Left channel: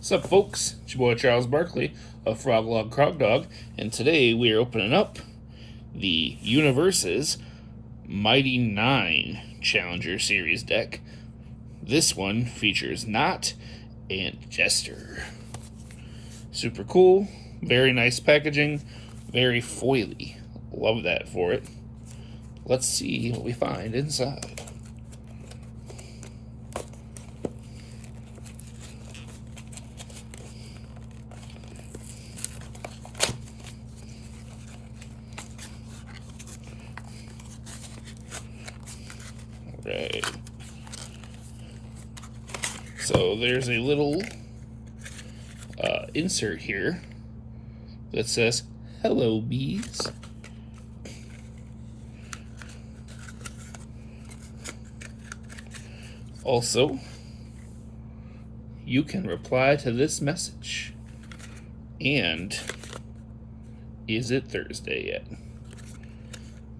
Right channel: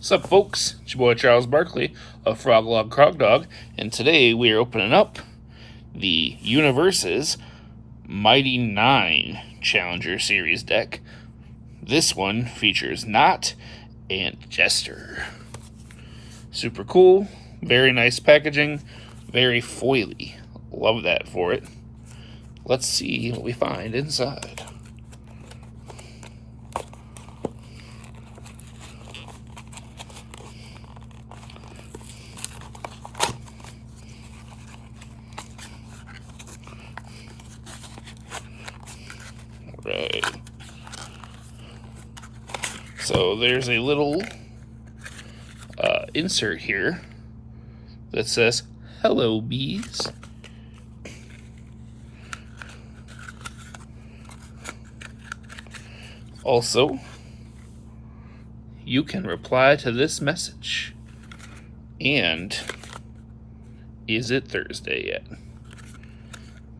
Sup, folks? It's your boy Charles Barkley of FrogLogCrogDog, and today we are opening up the Universus Mighty Nein Challenger Series deck. This one features Nott and Jester. Super cool, very nice packaging, very foily. Love that for it. Let's see what we find inside. Right. So there's a little insert here that says, "Hello, bees." Also, you can reply to this message. And is it Thursday yet?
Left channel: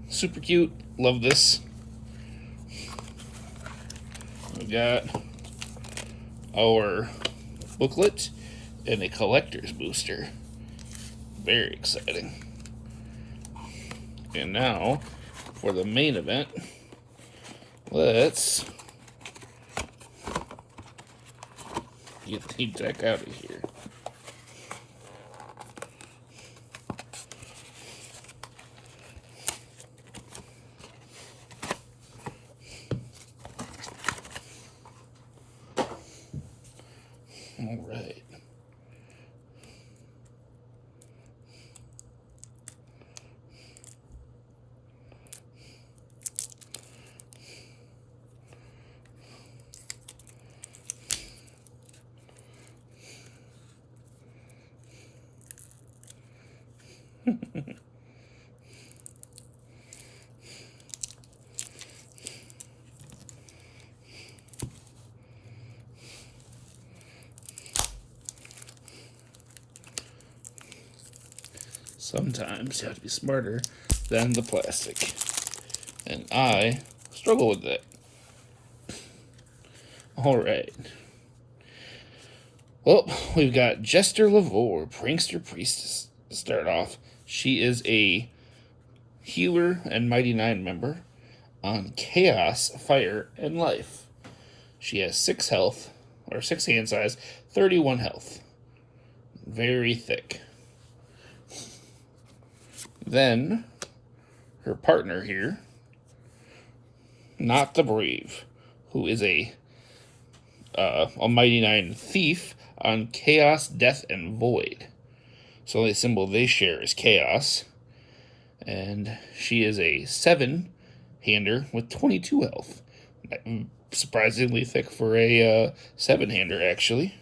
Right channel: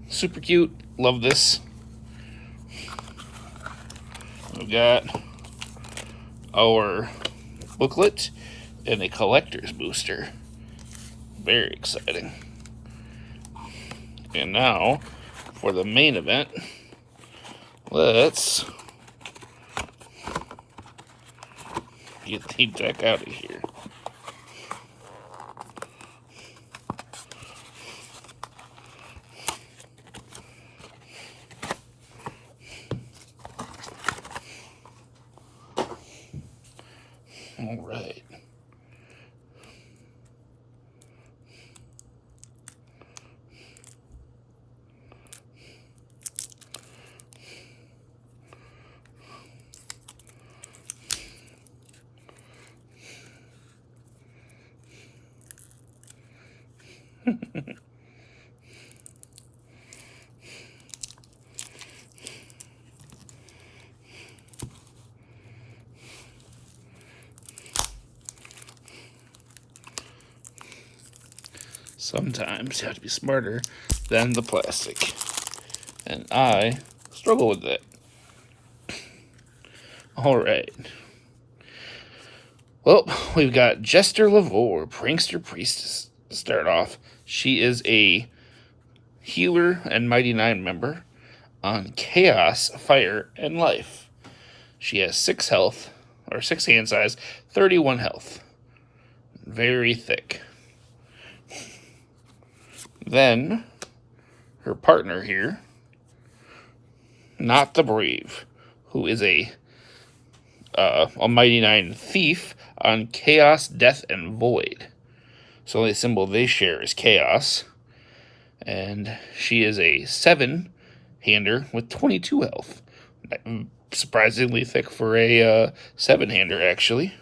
Super cute. Love this. We got our booklet and a collector's booster. Very exciting. And now, for the main event, let's get the deck out of here. All right. Sometimes you have to be smarter than the plastic. And I struggle with that. Alright. Well, we've got Jester Lavore, Prankster Priestess, to start off. She is a healer and Mighty Nein member on Chaos, Fire, and Life. She has 6 health, or 6 hand size, 31 health. Very thick. Then, her partner here, Nott the Brave, who is a Mighty Nein thief on Chaos, Death, and Void. So the only symbol they share is Chaos. And she is a 7-hander with 22 health. Surprisingly thick for a 7-hander, actually.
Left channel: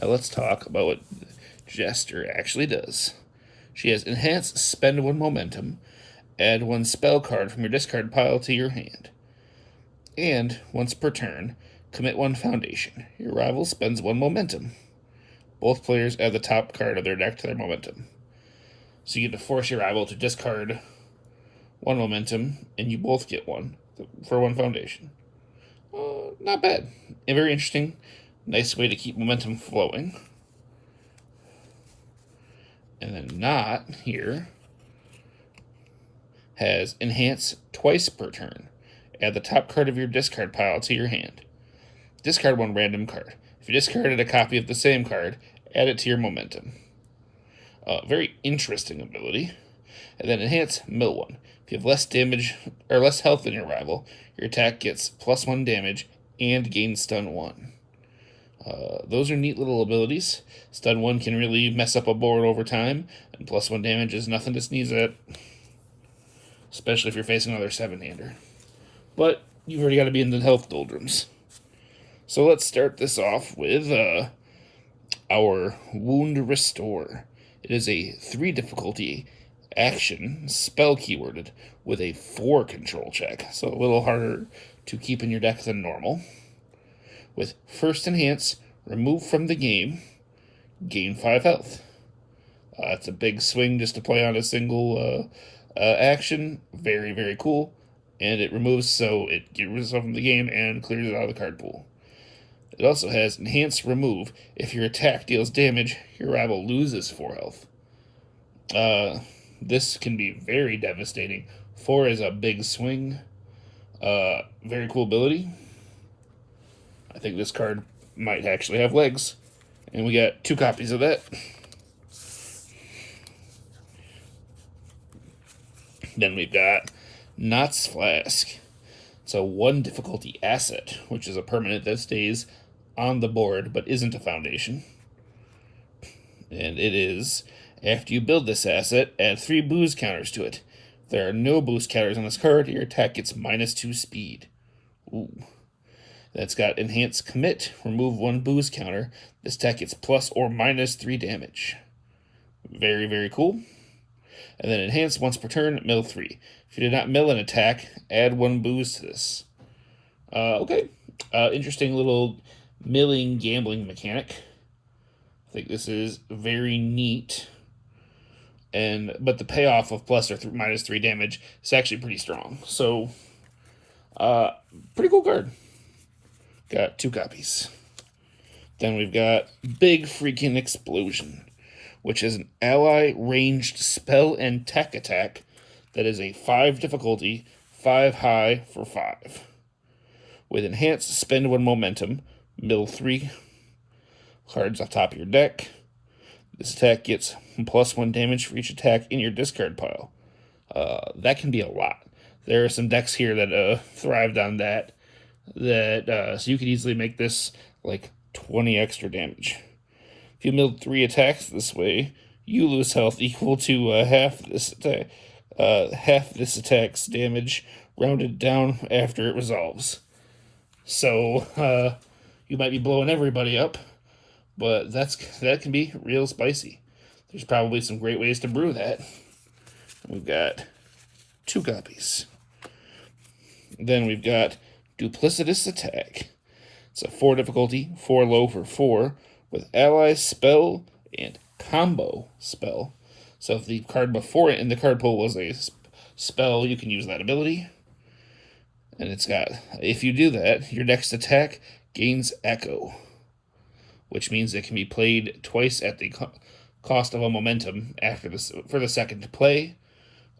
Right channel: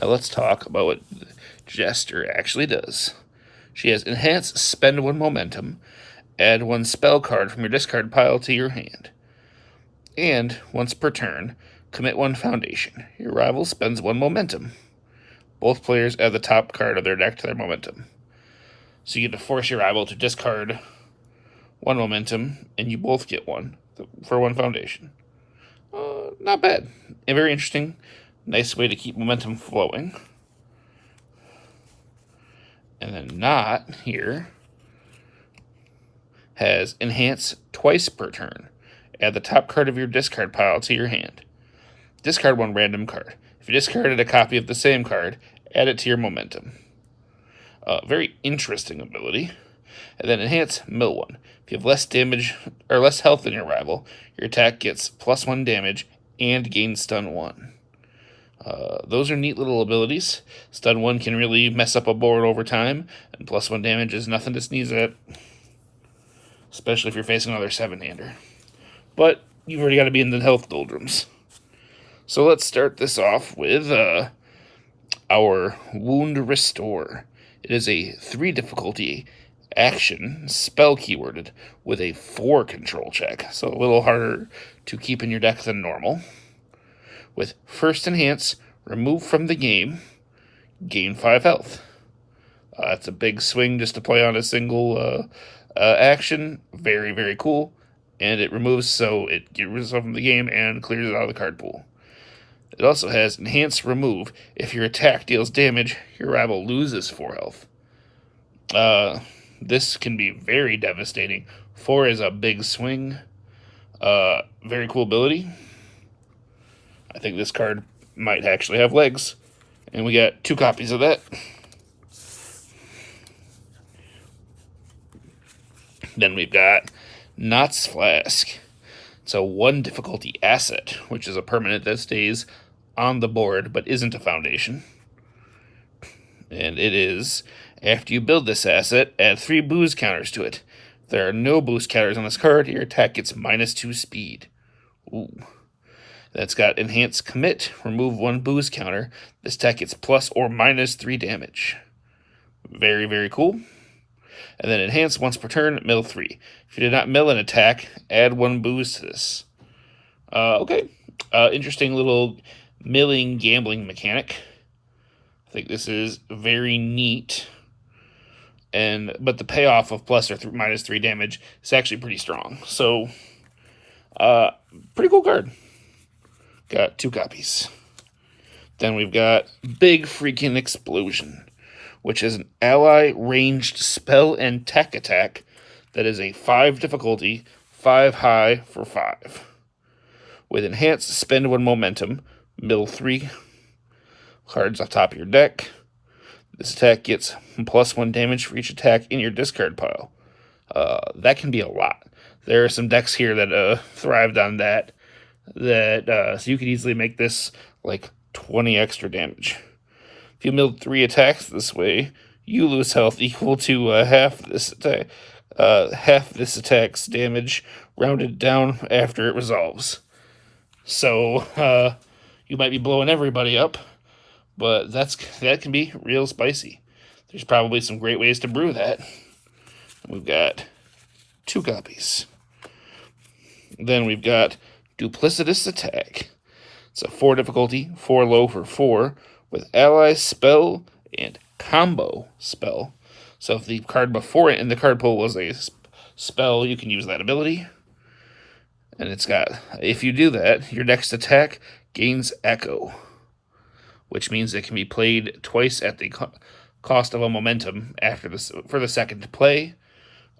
Now let's talk about what Jester actually does. She has Enhance, spend 1 momentum, add 1 spell card from your discard pile to your hand. And, once per turn, commit 1 foundation. Your rival spends 1 momentum. Both players add the top card of their deck to their momentum. So you get to force your rival to discard 1 momentum, and you both get 1 for 1 foundation. Not bad. And very interesting. Nice way to keep momentum flowing. And then Nott here has Enhance twice per turn. Add the top card of your discard pile to your hand. Discard 1 random card. If you discarded a copy of the same card, add it to your momentum. Very interesting ability. And then Enhance mill 1. If you have less damage or less health than your rival, your attack gets +1 damage and gains stun 1. Those are neat little abilities. Stun 1 can really mess up a board over time, and +1 damage is nothing to sneeze at, especially if you're facing another 7-hander. But you've already got to be in the health doldrums. So let's start this off with our Wound Restore. It is a 3 difficulty action, spell keyworded, with a 4 control check, so a little harder to keep in your deck than normal. With first Enhance, remove from the game, gain 5 health. It's a big swing just to play on a single action. Very, very cool. And it removes, so it gets rid of from the game and clears it out of the card pool. It also has Enhance Remove. If your attack deals damage, your rival loses 4 health. This can be very devastating. 4 is a big swing. Very cool ability. I think this card might actually have legs. And we got 2 copies of that. Then we've got Knott's Flask. It's a 1 difficulty asset, which is a permanent that stays on the board but isn't a foundation. And it is, after you build this asset, add 3 boost counters to it. If there are no boost counters on this card, your attack gets -2 speed. Ooh. That's got Enhance Commit. Remove 1 boost counter. This attack gets plus or -3 damage. Very, very cool. And then Enhance once per turn, mill 3. If you did not mill an attack, add 1 boost to this. Okay. Interesting little milling gambling mechanic. I think this is very neat. But the payoff of plus or -3 damage is actually pretty strong. So, pretty cool card. Got 2 copies. Then we've got Big Freaking Explosion, which is an ally ranged spell and tech attack that is a 5 difficulty, 5 high for 5. With Enhance, spend 1 momentum, mill 3 cards off top of your deck. This attack gets +1 damage for each attack in your discard pile. That can be a lot. There are some decks here that thrived on that. So you could easily make this like 20 extra damage. If you milled 3 attacks this way, you lose health equal to half this attack's damage, rounded down after it resolves. So you might be blowing everybody up, but that can be real spicy. There's probably some great ways to brew that. We've got 2 copies. Then we've got Duplicitous Attack. It's a 4 difficulty, 4 low for 4, with ally spell and combo spell. So if the card before it in the card pool was a spell, you can use that ability. And it's got, if you do that, your next attack gains Echo, which means it can be played twice at the cost of a momentum after this for the second play.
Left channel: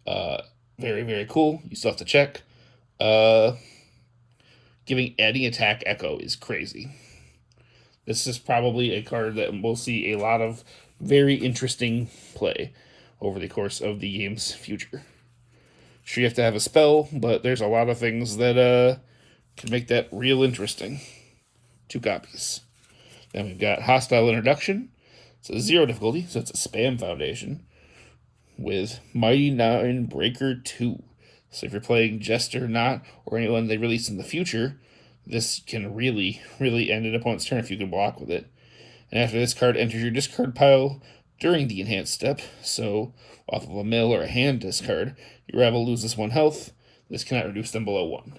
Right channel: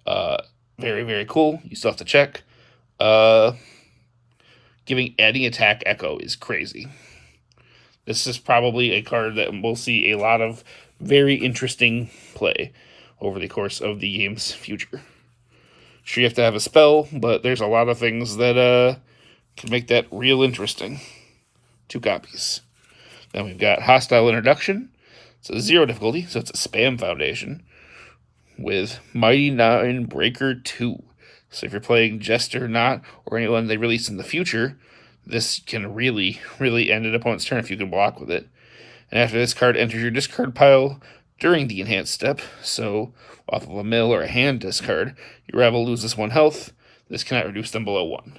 Very, very cool. You still have to check. Adding attack Echo is crazy. This is probably a card that we'll see a lot of very interesting play over the course of the game's future. Sure, you have to have a spell, but there's a lot of things that can make that real interesting. 2 copies. Then we've got Hostile Introduction. It's a 0 difficulty, so it's a spam foundation with Mighty Nein Breaker 2. So if you're playing Jester and Nott or anyone they release in the future, this can really, really end an opponent's turn if you can block with it. And after this card enters your discard pile during the enhanced step, so off of a mill or a hand discard, your rival loses 1 health. This cannot reduce them below 1.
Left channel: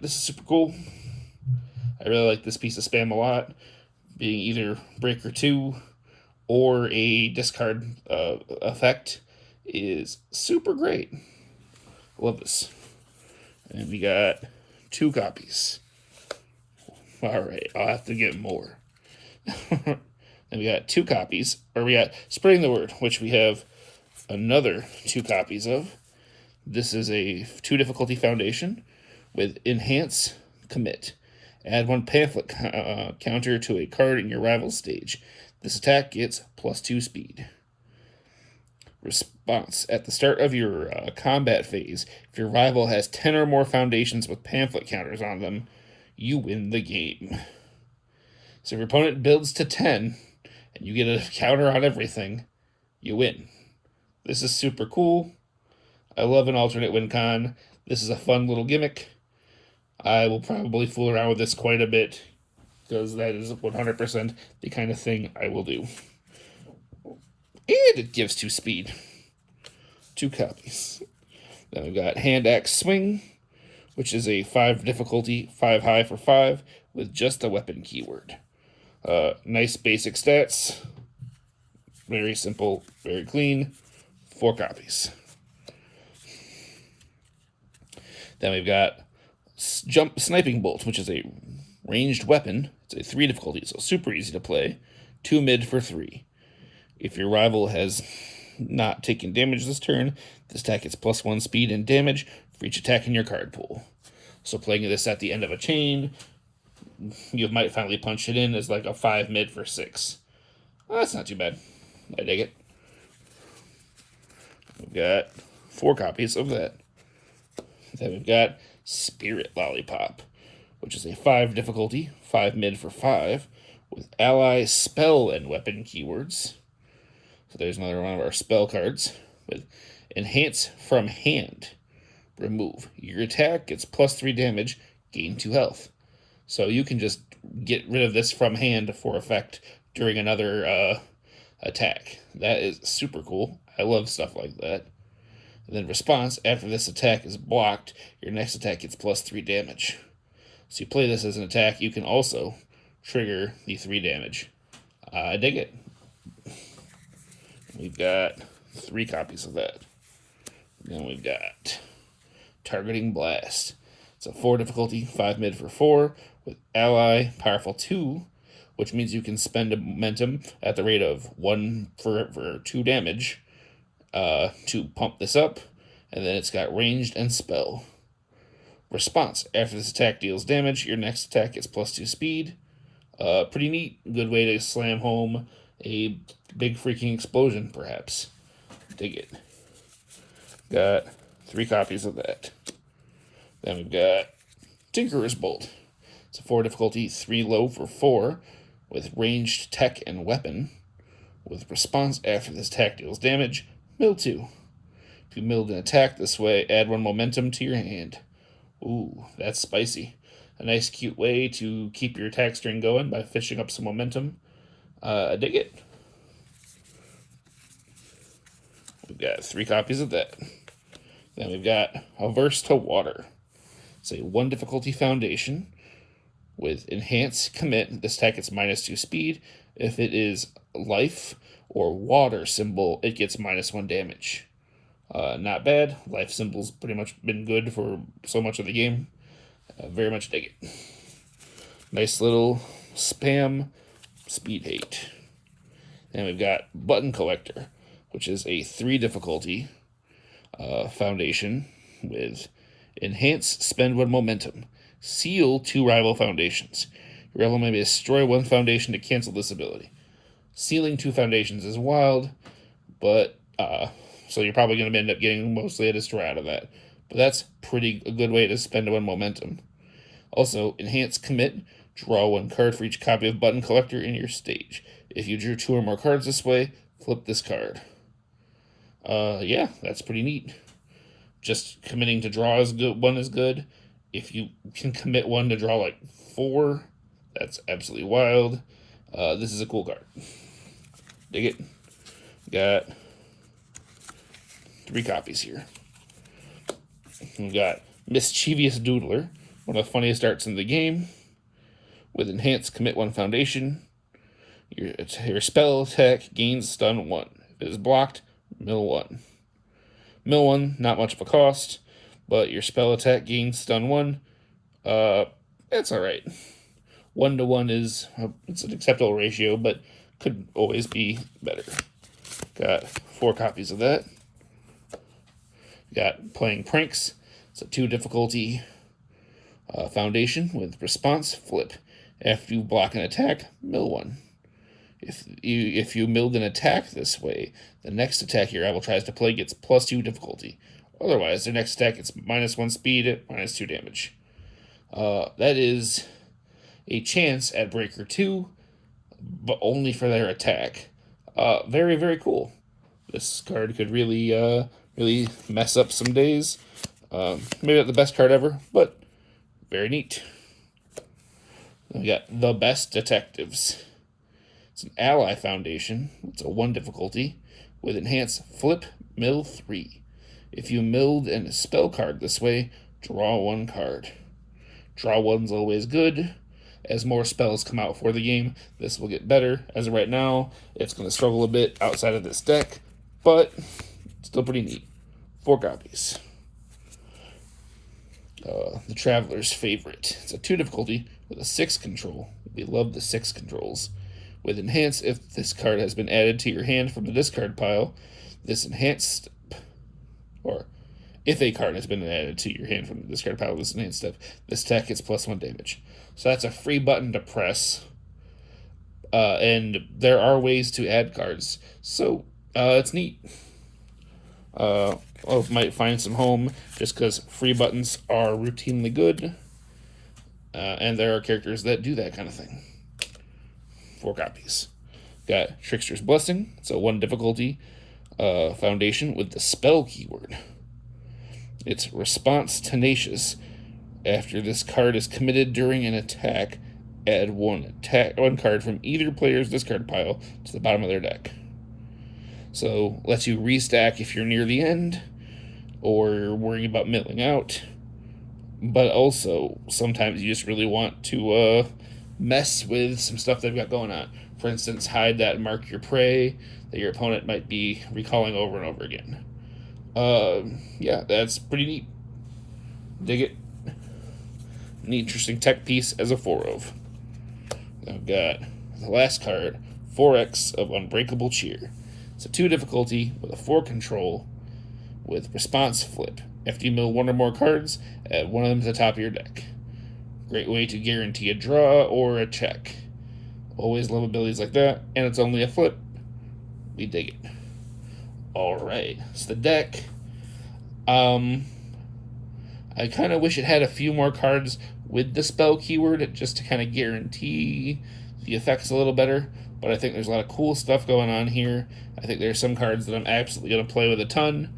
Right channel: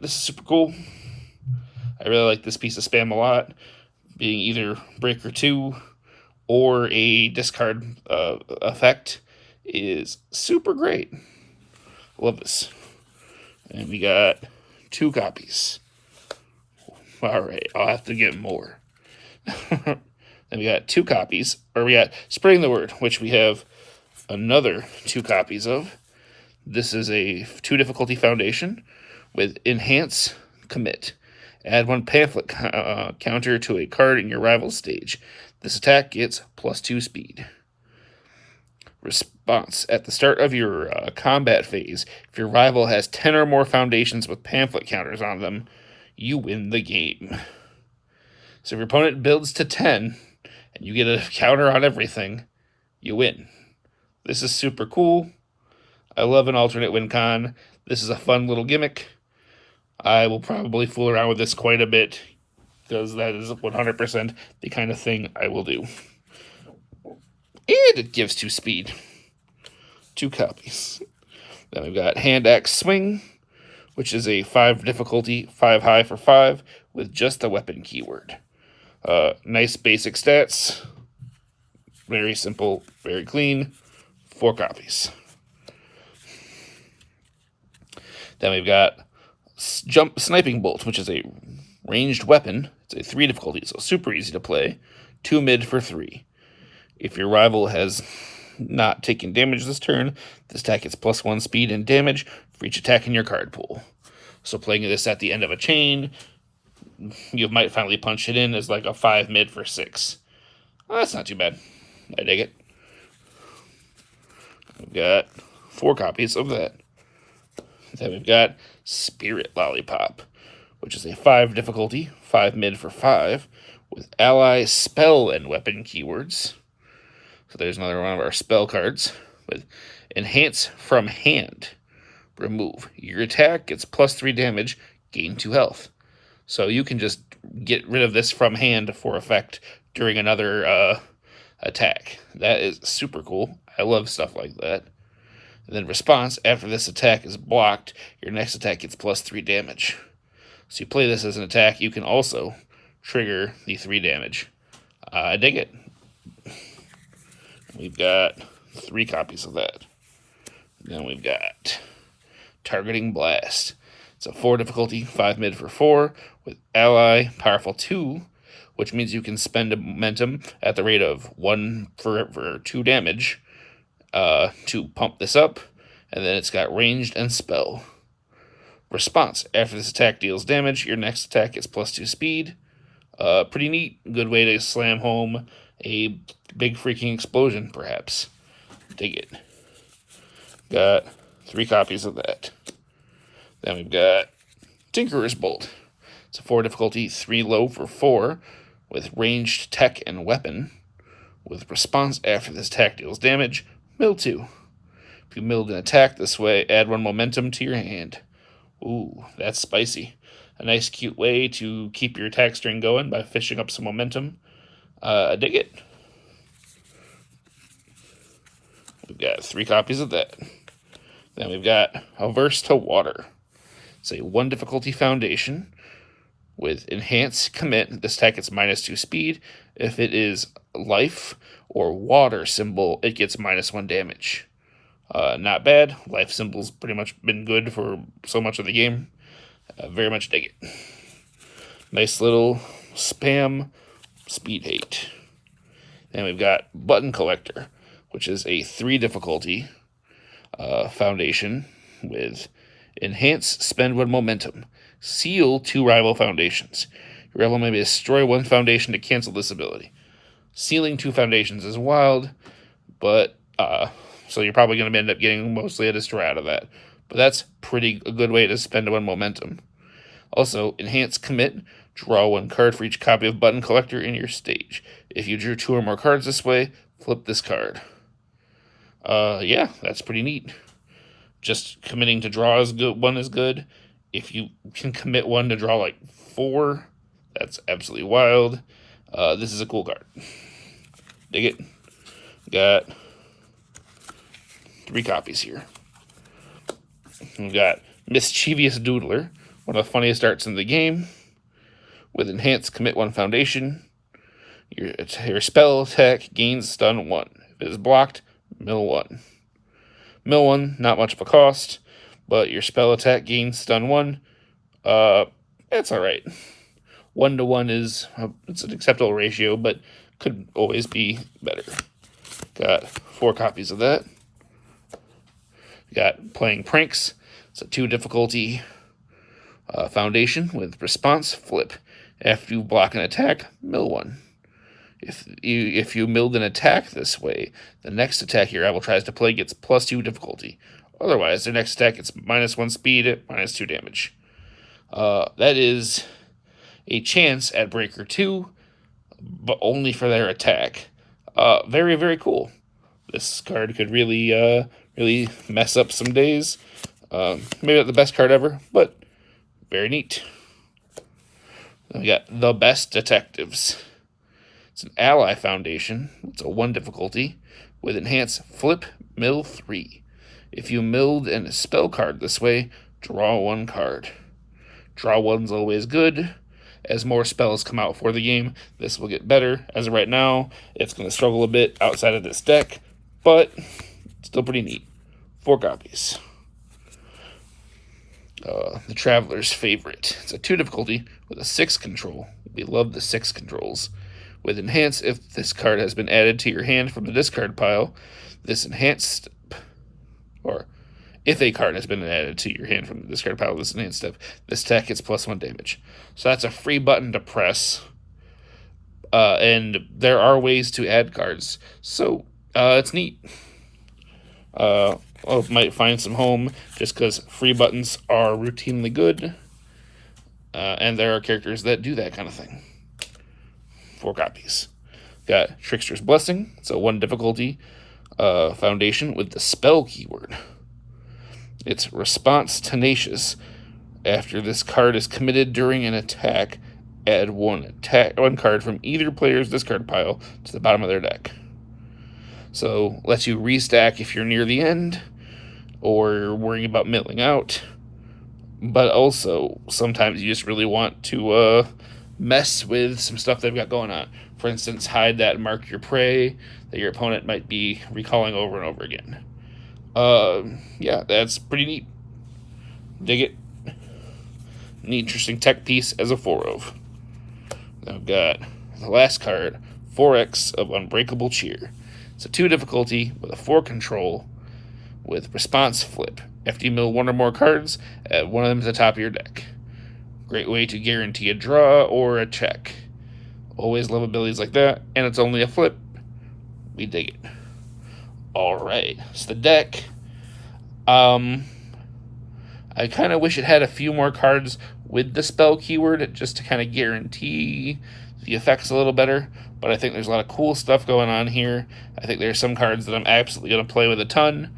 This is super cool. I really like this piece of spam a lot, being either Breaker 2 or a discard effect is super great. Love this. And we got 2 copies. All right, I'll have to get more. Then we got 2 copies, or we got Spreading the Word, which we have another 2 copies of. This is a 2 difficulty foundation with Enhance Commit. Add 1 pamphlet counter to a card in your rival's stage. This attack gets +2 speed. Response. At the start of your combat phase, if your rival has 10 or more foundations with pamphlet counters on them, you win the game. So if your opponent builds to 10, and you get a counter on everything, you win. This is super cool. I love an alternate win con. This is a fun little gimmick. I will probably fool around with this quite a bit, because that is 100% the kind of thing I will do. And it gives 2 speed. 2 copies. Then we've got Hand Axe Swing, which is a 5 difficulty, 5 high for 5, with just the weapon keyword. Nice basic stats. Very simple, very clean. 4 copies. Then we've got Sniping Bolt, which is a Ranged weapon, it's a 3 difficulty, so super easy to play. 2 mid for 3. If your rival has not taken damage this turn, this attack gets +1 speed and damage for each attack in your card pool. So playing this at the end of a chain, you might finally punch it in as like a 5 mid for 6. Well, that's not too bad. I dig it. We've got 4 copies of that. Then we've got Spirit Lollipop, which is a 5 difficulty, 5 mid for 5, with ally, spell, and weapon keywords. So there's another one of our spell cards with Enhance from Hand. Remove. Your attack gets +3 damage, gain 2 health. So you can just get rid of this from hand for effect during another attack. That is super cool. I love stuff like that. And then response, after this attack is blocked, your next attack gets +3 damage. So you play this as an attack, you can also trigger the 3 damage. I dig it. We've got 3 copies of that. Then we've got Targeting Blast. It's a 4 difficulty, 5 mid for 4, with ally, powerful 2, which means you can spend a momentum at the rate of 1 for 2 damage to pump this up, and then it's got ranged and spell. Response, after this attack deals damage, your next attack gets +2 speed. Pretty neat, good way to slam home a big freaking explosion, perhaps. Dig it. Got 3 copies of that. Then we've got Tinkerer's Bolt. It's a 4 difficulty, 3 low for 4, with ranged tech and weapon. With response, after this attack deals damage, mill 2. If you milled an attack this way, add 1 momentum to your hand. Ooh, that's spicy. A nice cute way to keep your attack string going by fishing up some momentum. I dig it. We've got 3 copies of that. Then we've got Averse to Water. It's a 1 difficulty foundation with Enhance Commit. This attack gets -2 speed. If it is life or water symbol, it gets -1 damage. Not bad. Life symbol's pretty much been good for so much of the game. Very much dig it. Nice little spam speed hate. Then we've got Button Collector, which is a 3 difficulty foundation with Enhance, spend 1 momentum. Seal 2 rival foundations. Your rival may destroy 1 foundation to cancel this ability. Sealing 2 foundations is wild, but so you're probably going to end up getting mostly a destroy out of that. But that's a good way to spend 1 momentum. Also, Enhance Commit. Draw 1 card for each copy of Button Collector in your stage. If you drew 2 or more cards this way, flip this card. Yeah, that's pretty neat. Just committing to draw is good. 1 is good. If you can commit 1 to draw like 4, that's absolutely wild. This is a cool card. Dig it. Got 3 copies here. We've got Mischievous Doodler, one of the funniest arts in the game. With Enhance, commit 1 foundation. Your spell attack gains stun 1. If it is blocked, mill 1. Mill 1, not much of a cost, but your spell attack gains stun 1. It's alright. 1 to 1 it's an acceptable ratio, but could always be better. Got 4 copies of that. Got Playing Pranks. It's a 2 difficulty foundation with response flip. After you block an attack, mill 1. If you milled an attack this way, the next attack your rival tries to play gets +2 difficulty. Otherwise, their next attack gets -1 speed, -2 damage. That is a chance at Breaker 2, but only for their attack. Very, very cool. This card could really mess up some days. Maybe not the best card ever, but very neat. Then we got The Best Detectives. It's an ally foundation. It's a 1 difficulty with Enhance Flip Mill 3. If you milled a spell card this way, draw 1 card. Draw 1's always good. As more spells come out for the game, this will get better. As of right now, it's going to struggle a bit outside of this deck, but still pretty neat. 4 copies. The Traveler's Favorite. It's a 2 difficulty with a 6 control. We love the 6 controls. With Enhance, if this card has been added to your hand from the discard pile, this enhanced, or if a card has been added to your hand from the discard pile, this enhanced step, this attack gets +1 damage. So that's a free button to press. And there are ways to add cards. So it's neat. Might find some home just because free buttons are routinely good. And there are characters that do that kind of thing. 4 copies. Got Trickster's Blessing. It's a 1 difficulty foundation with the spell keyword. It's Response Tenacious. After this card is committed during an attack, add one card from either player's discard pile to the bottom of their deck. So lets you restack if you're near the end or you're worrying about milling out. But also sometimes you just really want to mess with some stuff they've got going on. For instance, hide that Mark Your Prey that your opponent might be recalling over and over again. Yeah, that's pretty neat. Dig it. An interesting tech piece as a 4 of. I've got the last card, 4X of Unbreakable Cheer. It's a 2 difficulty with a 4 control with Response Flip. After you mill 1 or more cards, add one of them to the top of your deck. Great way to guarantee a draw or a check. Always love abilities like that, and it's only a flip. We dig it. Alright, so the deck. I kind of wish it had a few more cards with the spell keyword just to kind of guarantee the effects a little better. But I think there's a lot of cool stuff going on here. I think there's some cards that I'm absolutely going to play with a ton.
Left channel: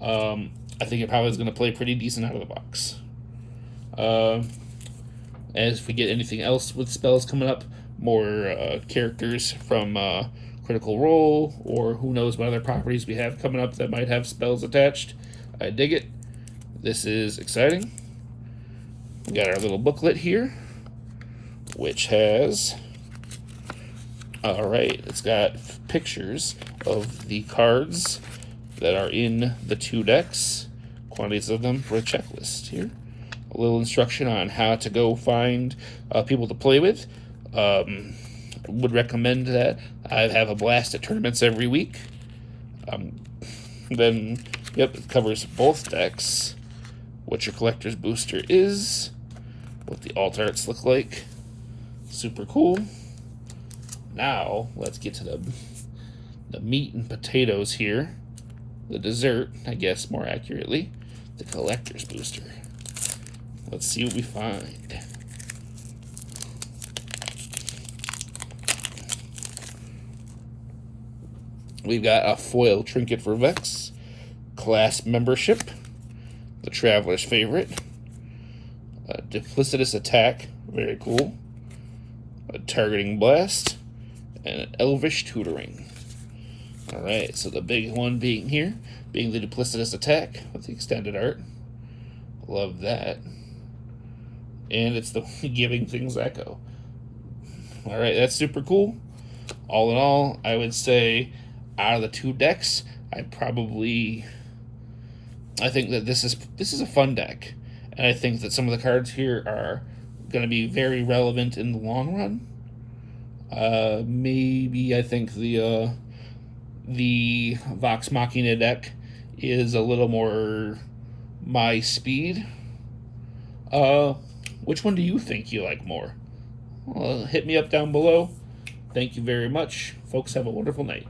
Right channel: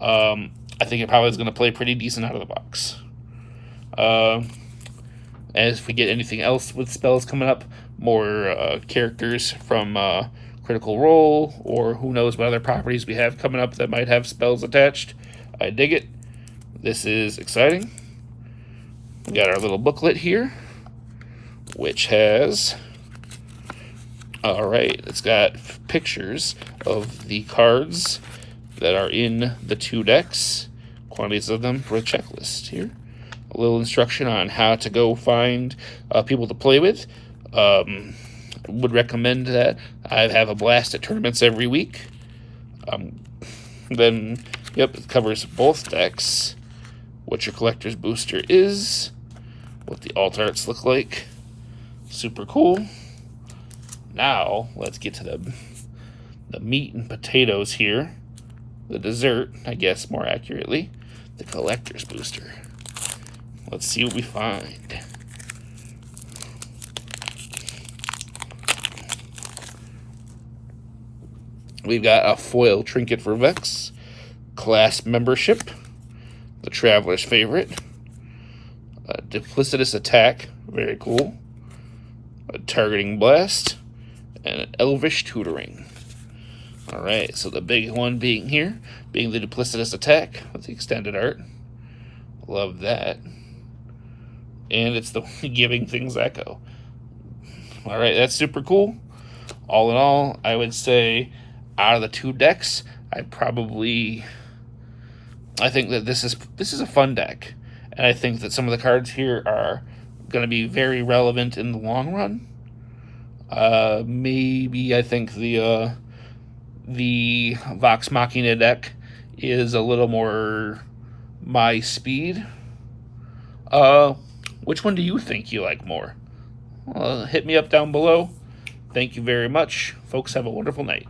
I think it probably is going to play pretty decent out of the box. As if we get anything else with spells coming up, more characters from Critical Role, or who knows what other properties we have coming up that might have spells attached. I dig it. This is exciting. We got our little booklet here, which has, it's got pictures of the cards that are in the 2 decks, quantities of them for a checklist here. A little instruction on how to go find people to play with. Would recommend that. I have a blast at tournaments every week. Then, it covers both decks, what your collector's booster is, what the alt arts look like. Super cool. Now, let's get to the meat and potatoes here. The dessert, I guess more accurately, the collector's booster. Let's see what we find. We've got a foil trinket for Vex, class membership, the Traveler's Favorite, a duplicitous attack, very cool, a targeting blast, and an elvish tutoring. Alright, so the big one being here, being the duplicitous attack with the extended art. Love that. And it's the giving things echo. Alright, that's super cool. All in all, I would say out of the 2 decks, I think that this is a fun deck. And I think that some of the cards here are going to be very relevant in the long run. Maybe I think the Vox Machina deck is a little more my speed. Which one do you think you like more? Hit me up down below. Thank you very much. Folks, have a wonderful night.